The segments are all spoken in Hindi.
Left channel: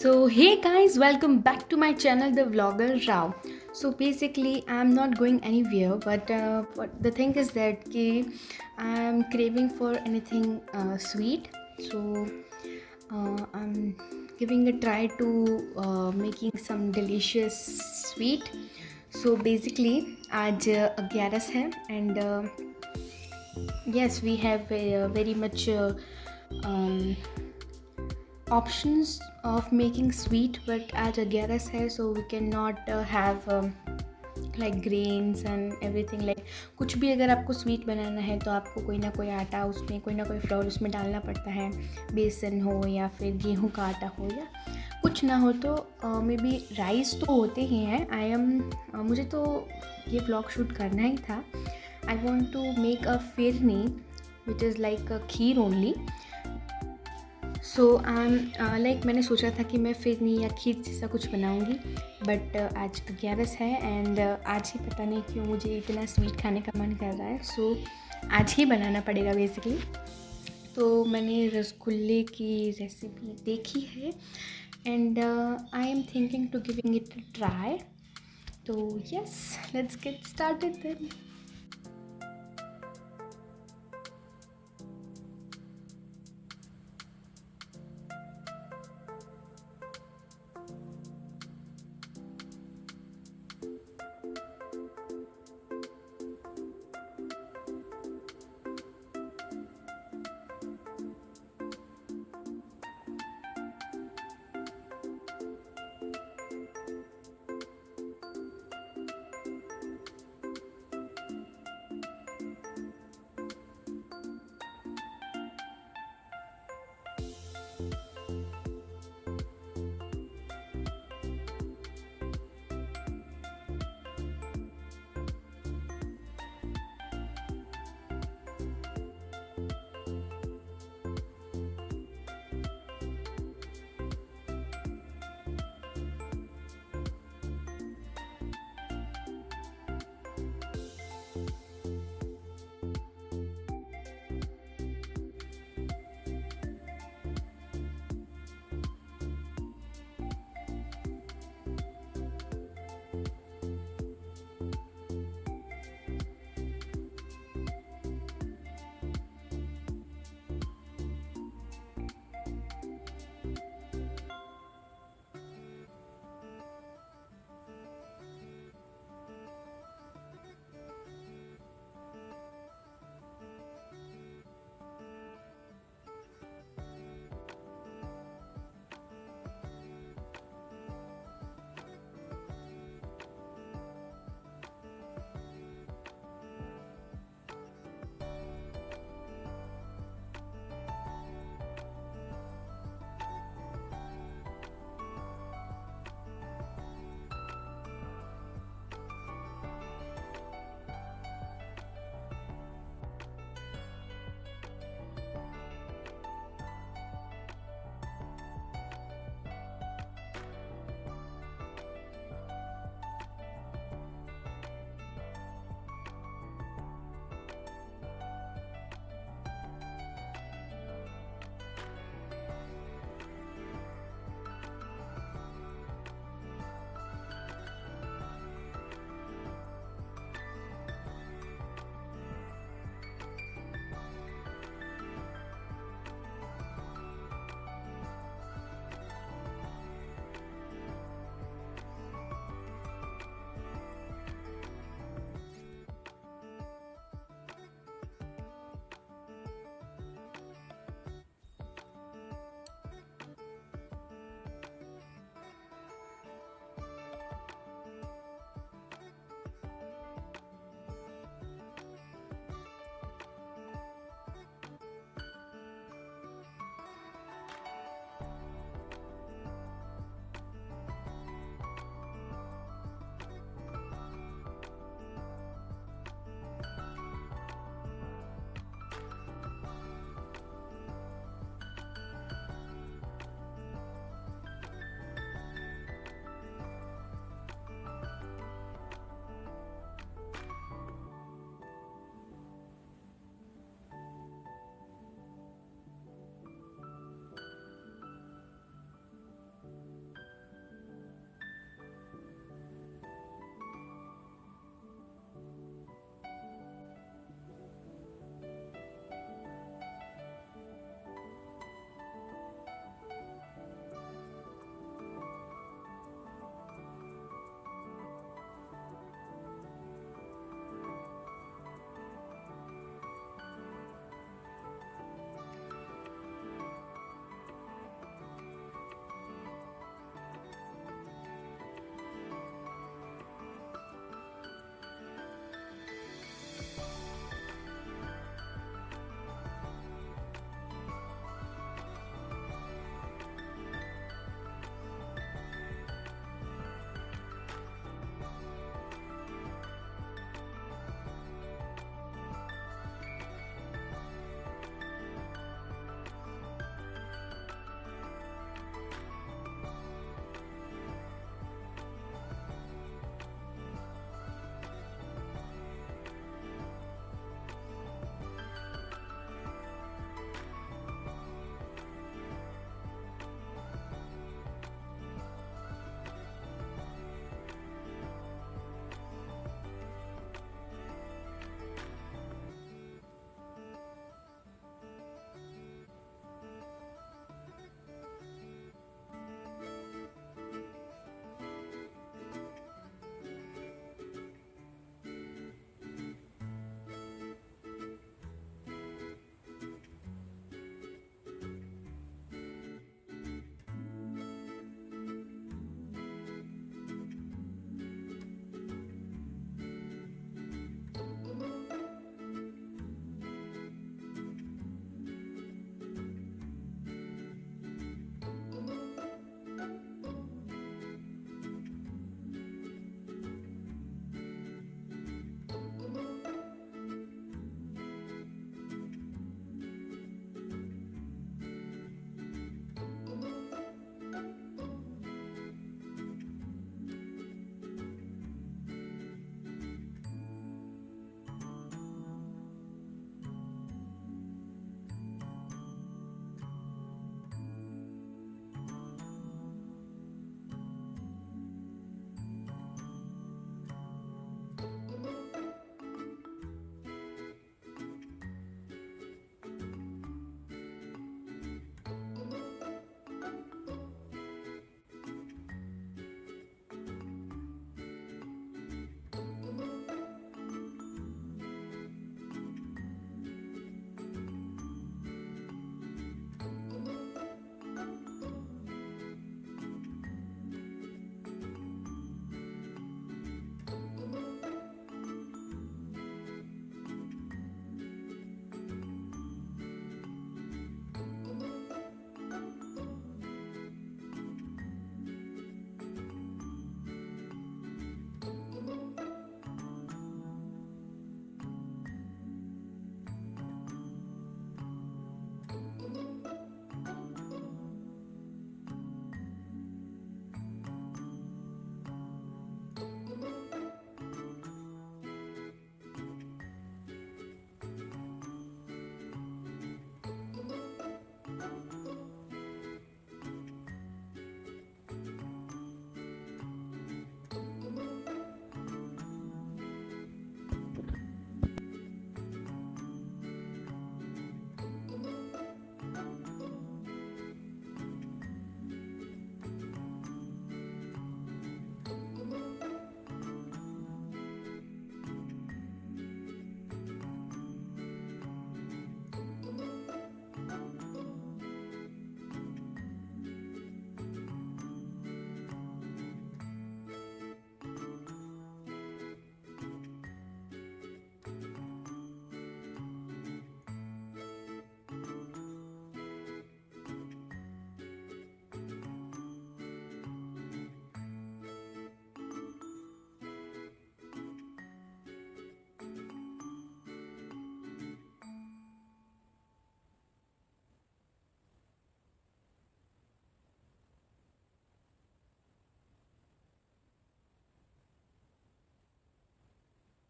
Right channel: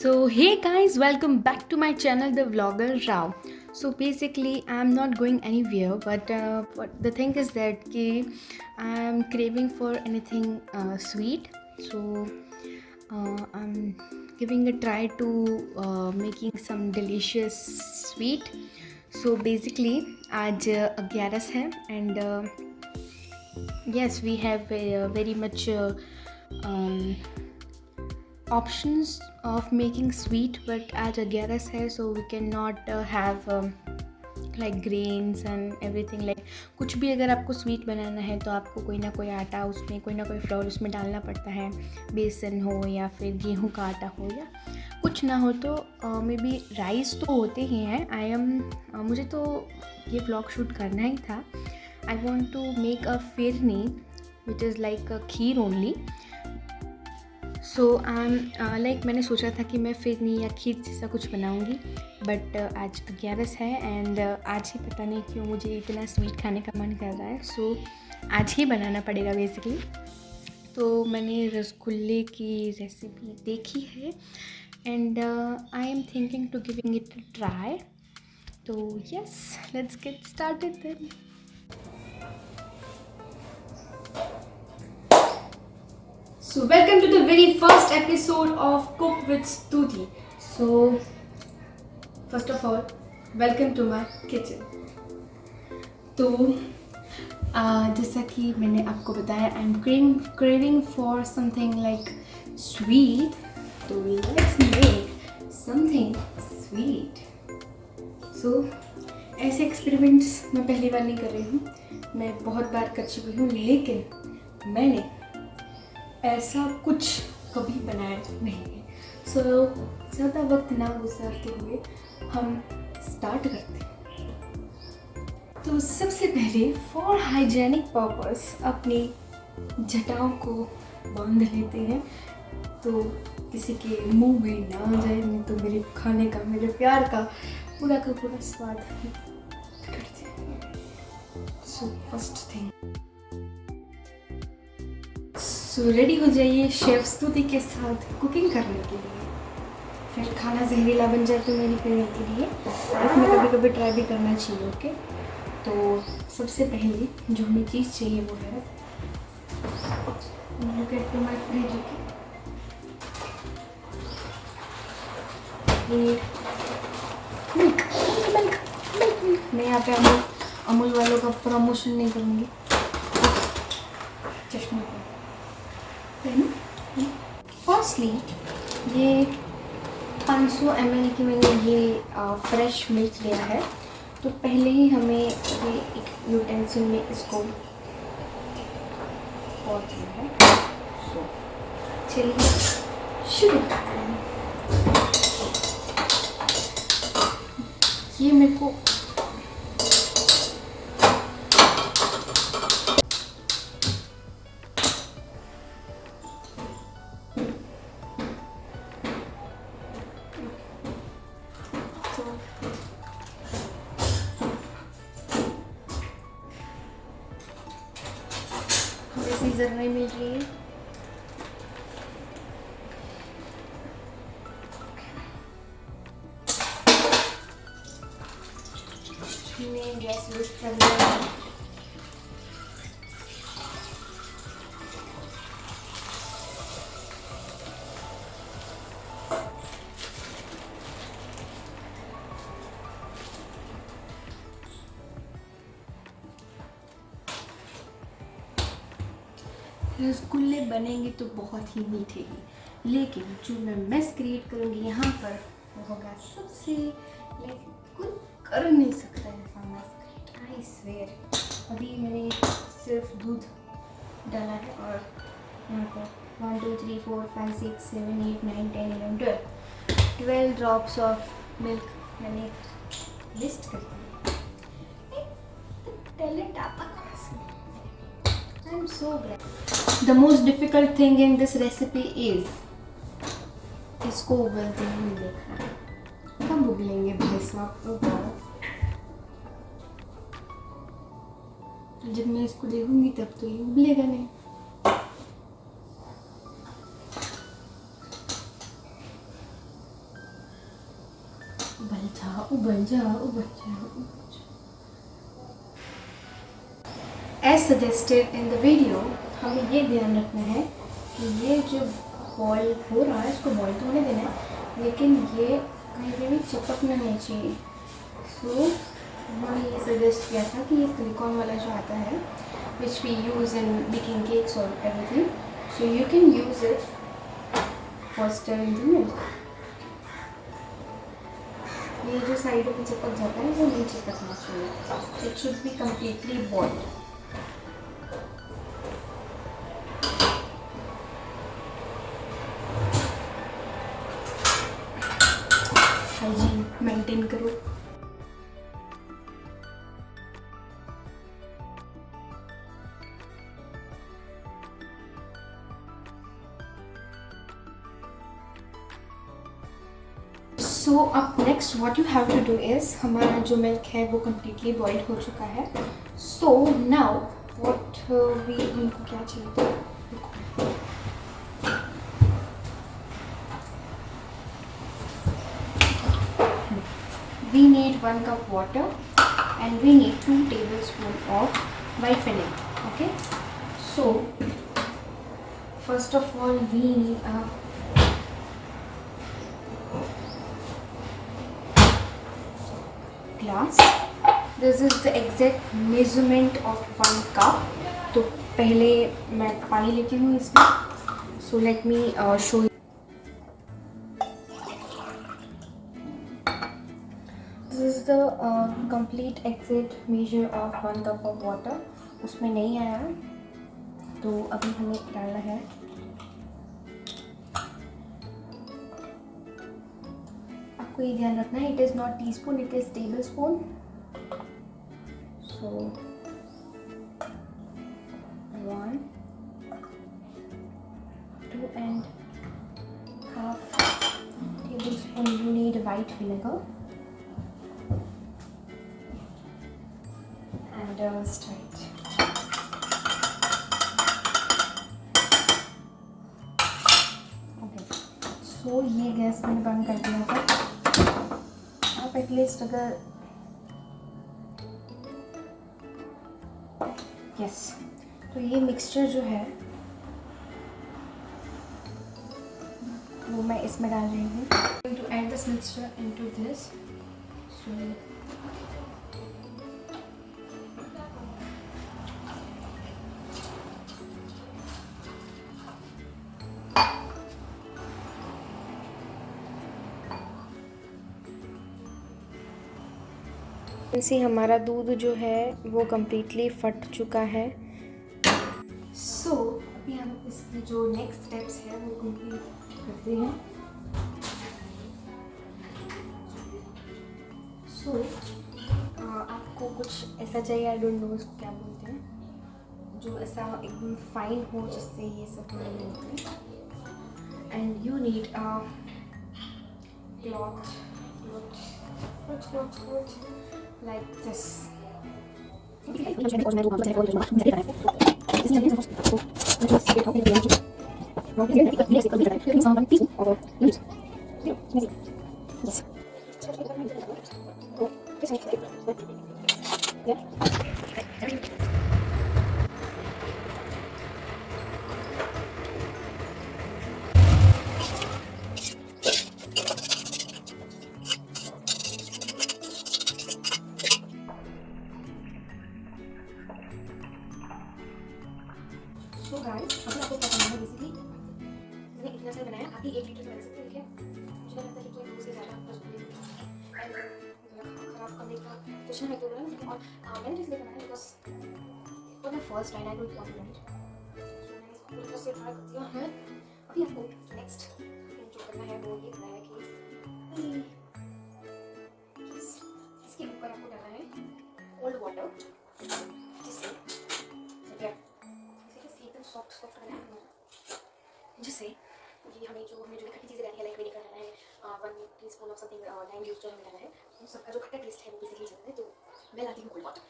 So hey guys, welcome back to my channel, The Vlogger Rao. So basically, I'm not going anywhere, but the thing is that I'm craving for anything sweet. So I'm giving a try to making some delicious sweet. So basically, आज 11 है and yes, we have very much um, options of making sweet, but आज 11 है, so we cannot have like grains and everything. like कुछ भी अगर आपको स्वीट बनाना है तो आपको कोई ना कोई आटा, उसमें कोई ना कोई फ्लोर उसमें डालना पड़ता है, बेसन हो या फिर गेहूं का आटा हो या कुछ ना हो तो मे बी राइस तो होते ही हैं. मुझे तो ये ब्लॉग शूट करना ही था. I want to make a phirni which is like a kheer only. So like मैंने सोचा था कि मैं फिरनी या खीर जैसा कुछ बनाऊंगी, बट आज 11 है एंड आज ही पता नहीं क्यों मुझे इतना स्वीट खाने का मन कर रहा है. सो आज ही बनाना पड़ेगा बेसिकली. तो मैंने रसगुल्ले की रेसिपी देखी है and I am thinking to giving it a try. तो yes, let's get started then. So welcome to the very first episode of Cook with Stuti. So first of all, welcome to my kitchen. तो जैसा कि मैंने आपको बताया, I am craving for something like sweet. तो let's make something sweet. So ऐसे एक्सपेरिमेंट्स मैं पहली बार नहीं कर रही हूँ, मैं बहुत बार कर चुकी हूँ, लेकिन मैंने ऐसा कुछ कभी बनाया नहीं है. सो ज़्यादा वक्त ना गुजारते हुए हम स्टार्ट करते हैं. तो सबसे पहले फॉर हाइजेनिक पर्पस अपनी जटाओं को बांध लेते हैं, तो किसी के मुंह में ना आ जाए, नहीं तो मेरे खाने का, मेरे प्यार का पूरा स्वाद करते हैं. So first thing, so ready हो जाइए शेफ स्तुति के साथ कुकिंग करने के लिए. फिर खाना जहरीला बन जाए तो मेरी फेवरेट के लिए इसमें कभी कभी ट्राई भी करना चाहिए. ओके, तो सबसे पहले जो हमें चीज़ चाहिए वो है, look at my fridge. Milk. मैं यहाँ पे अमूल वालों का प्रमोशन नहीं करूँगी. चश्मे फर्स्टली ये 500 ml की मैंने ये फ्रेश मिल्क लिया है. तो पहले ही हमें ये एक यूटेंसिल में इसको पॉट दिया है. सो चलिए शुरू करते हैं. ये मेरे को सीजर नहीं मिल रही है. गैस यूज कर लिया है. रसगुल्ले बनेंगे तो बहुत ही मीठे ही, लेकिन जो मैं मेस क्रिएट करूँगी यहाँ पर वो होगा सबसे लाइक कोई कर नहीं सकता ऐसा मेस. I swear. अभी मैंने सिर्फ दूध डाला है और यहाँ पर 1 2 3 4 5 6 7 8 9 10 11 12 ड्रॉप्स ऑफ मिल्क मैंने लिस्ट कर दी. टैलेंट आपका कैसे. I'm so glad. The most difficult thing in this recipe is इसको उबलते हुए देखना. कब उबलेंगे भाई साहब? जब मैं इसको देखूंगी तब तो ये उबलेगा नहीं. उबल जा। As suggested in the video, हमें ये ध्यान रखना है कि ये जो बॉयल हो रहा है इसको बॉयल तो होने देना है, लेकिन ये कहीं पे भी चिपकना नहीं चाहिए। सो उन्होंने ये सजेस्ट किया था कि ये सिलिकॉन वाला जो आता है which we use in baking cakes और everything, so you can use it for stirring the milk. ये जो साइड में चिपक जाता है वो नहीं चिपकना चाहिए, it should be completely boiled. Hygiene maintain करो। सो अब next what you have to do is, हमारा जो मिल्क है वो कम्प्लीटली बॉइल्ड हो चुका है। सो नाउ व्हाट वी, उनको क्या चाहिए, we need 1 cup water and we need 2 tablespoons of white vanilla. Okay, so first of all we need a glass. This is the exact measurement of 1 cup. तो पहले मैं पानी लेती हूँ इसमें। So let me show you. This is the complete exact measure of 1 cup of water. उसमें नहीं आया तो अभी हमें डालना है आपको ये ध्यान रखना है, it is not teaspoon, it is table spoon. So 1, 2 and half tablespoon you need white vinegar. Straight. Okay. So ये गैस मैंने बंद कर दिया था। आप एटलीस्ट अगर यस, तो ये मिक्सचर जो है वो मैं इसमें डाल रही हूँ। To add this mixture into this. इसी हमारा दूध जो है वो कम्प्लीटली फट चुका है। सो अभी हम इसकी जो नेक्स्ट स्टेप्स है वो कंप्लीट करते हैं। सो आपको कुछ ऐसा चाहिए, आई डोंट नो क्या बोलते हैं, जो ऐसा एकदम फाइन हो जिससे ये सब मिलते हैं। And you need cloth like this. First line I don't want it. से ट्राई करती हूँ मैं। अभी आपको नेक्स्ट जो करना है वो ये करना है कि इसके ऊपर आपको डालना है कोल्ड वाटर, जिससे एकदम सॉफ्ट करना है, जिससे ये हमें जो खट्टी चीज़ें डाली है लाइक विनेगर डालना है, 1 teaspoon of something lime juice जो हमें डालना है, उन सबका जो खट्टा टेस्ट है वो बेसिकली चलता है। तो मैं डालती हूँ कोल्ड वाटर।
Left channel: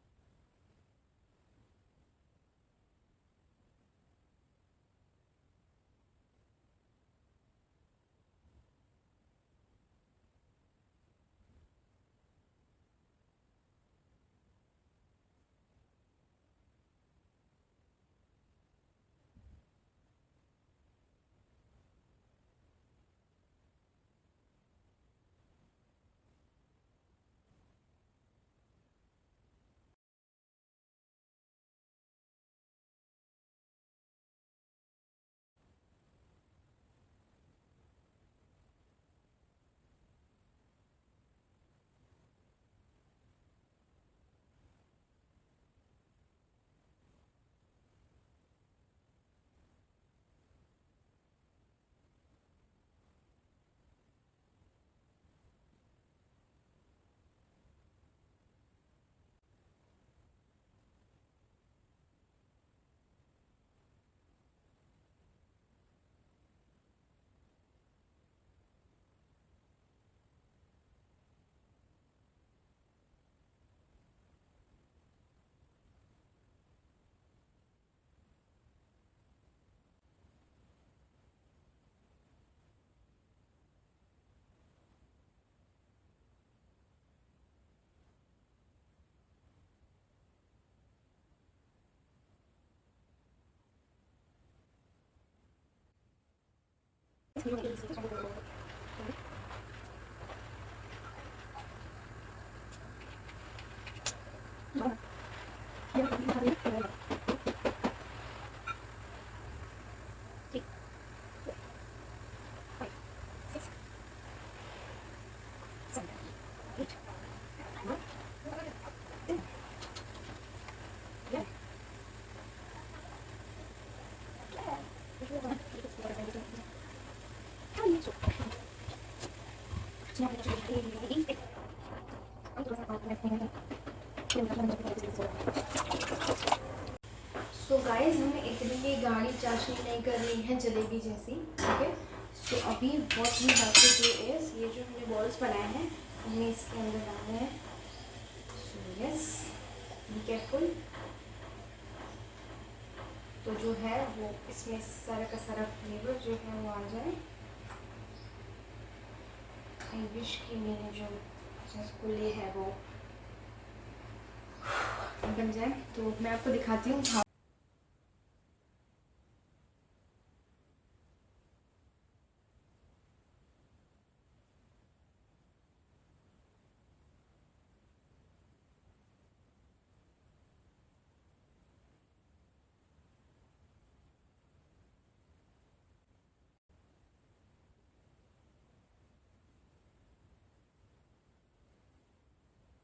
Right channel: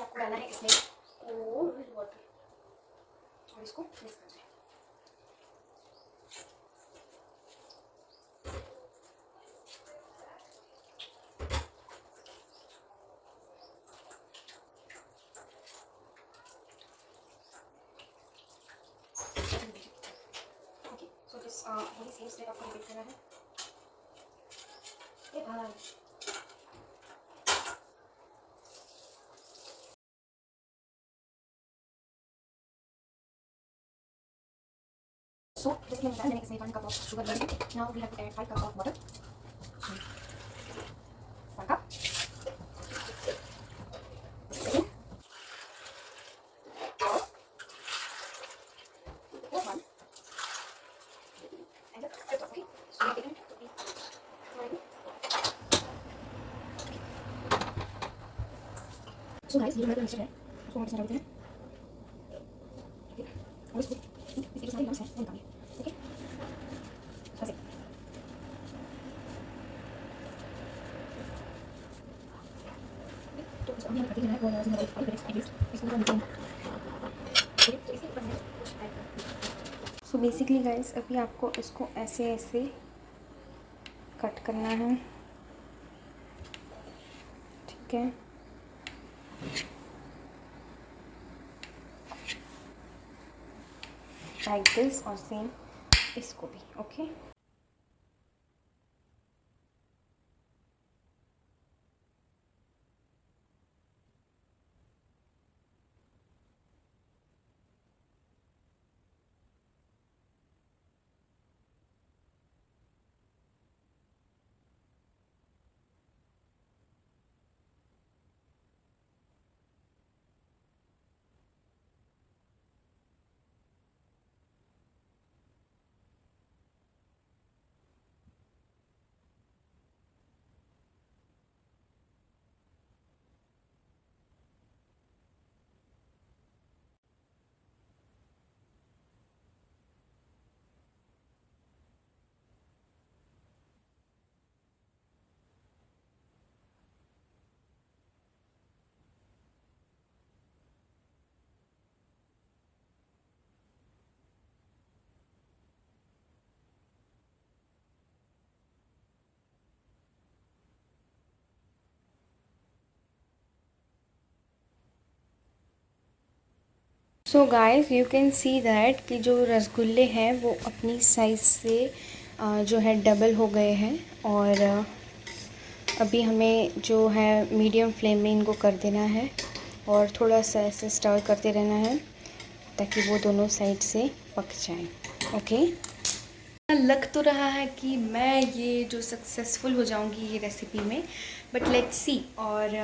आपको डालना है इसमें कोल्ड वाटर और इसको मिक्स करना है। वही सेम स्टेप आपको रिपीट करना है। ये बाहर so जैसे मैंने बताया मैंने इसमें 1 cup of sugar लिया है। Now we have to add 5 cups of water. 1 cup. One. And okay. So we are so guys, ये हमारा मिक्सचर है, उसको हम डालते हैं। ठीक है, और इसको इसके सारे लम्स हैं वो निकालिए। ठीक है, ऐसे तो इसको अभी हमें करते रहना है और 5 मिनट्स एटलीस्ट इसको पूरा निकालना। ठीक है, तो इसके ऊपर हमें कुछ ऐड करना। सो बेसिकली गाइस अभी आपको इसको ऐसे ऐसे कट करना है। ठीक है, लाइक दिस और सेम इसको भी। ओके, सो गाइस हमें इतनी गाढ़ी चाशनी नहीं कर रही है जलेबी जैसी। ठीक है, सो अभी what we have to do is ये जो हमने बॉल्स बनाए हैं हमें इसके अंदर डालना है। So yes, be careful. तो जो है वो इसमें सारा का सारा फ्लेवर जो है वो आ जाए। आई विश कि मेरे जो रसगुल्ले है वो बन जाए, तो मैं आपको दिखाती हूँ। So guys you can see that कि जो रसगुल्ले हैं वो अपनी साइज़ से जो है डबल हो गए हैं। और अभी हमें जो है मीडियम फ्लेम में इनको कर देना है और थोड़ा सा ऐसे स्टर करते रहना है ताकि वो दोनों साइड से पक जाएं। ओके, लग तो रहा है कि मैं ये जो सक्सेसफुल हो जाऊंगी ये रेसिपी में, बट लेट्स सी। और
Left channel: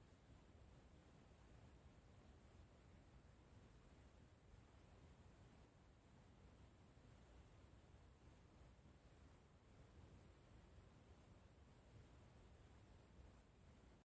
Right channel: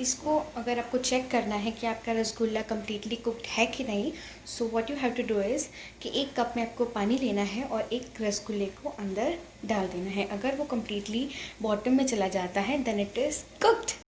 इसको अगर आपको चेक करना है कि आपका रसगुल्ला कम्प्लीटली कुक्ड है कि नहीं, so what you have to do is कि 1 कप में आपको पानी लेना है और 1 रसगुल्ले को अंदर डाल देना है। अगर वो कम्प्लीटली बॉटम में चला जाता है then it is cooked.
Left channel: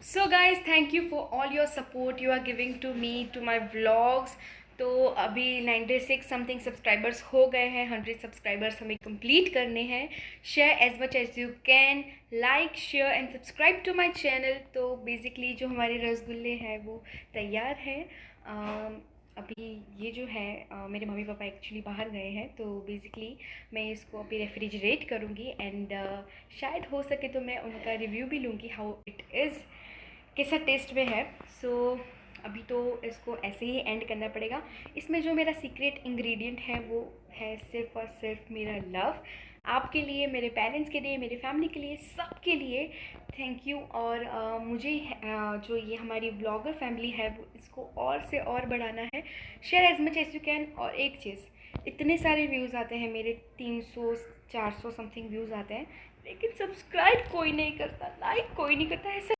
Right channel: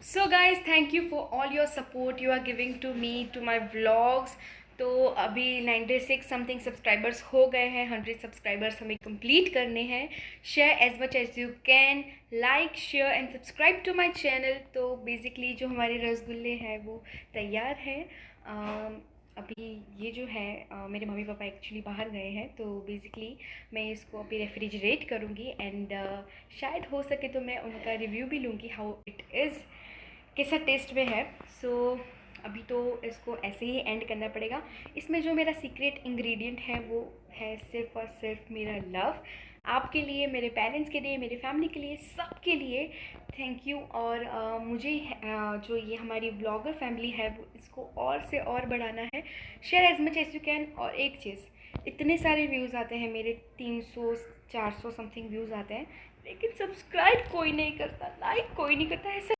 So guys thank you for all your support you are giving to me to my vlogs. तो अभी 96 समथिंग सब्सक्राइबर्स हो गए हैं। 100 सब्सक्राइबर्स हमें कंप्लीट करने हैं। Share as much as you can, like share and subscribe to my channel. तो बेसिकली जो हमारे रसगुल्ले हैं वो तैयार हैं। अभी ये जो है मेरे मम्मी पापा एक्चुअली बाहर गए हैं, तो बेसिकली मैं इसको अभी रेफ्रिजरेट करूँगी एंड शायद हो सके तो मैं उनका रिव्यू भी लूँगी हाउ इट इज़, कैसा टेस्ट में है। सो अभी तो इसको ऐसे ही एंड करना पड़ेगा। इसमें जो मेरा सीक्रेट इंग्रेडिएंट है वो है सिर्फ़ और सिर्फ मेरा लव, आपके लिए, मेरे पेरेंट्स के लिए, मेरे फैमिली के लिए, सबके लिए थैंक यू। और मुझे जो ये हमारी ब्लॉगर फैमिली है वो इसको और से और बढ़ाना है। Share as much as you can. और एक चीज़, इतने सारे व्यूज़ आते हैं मेरे, 300-400 समथिंग व्यूज़ आते हैं, लेकिन सब्सक्राइब कोई नहीं करता, लाइक कोई नहीं करता। ऐसा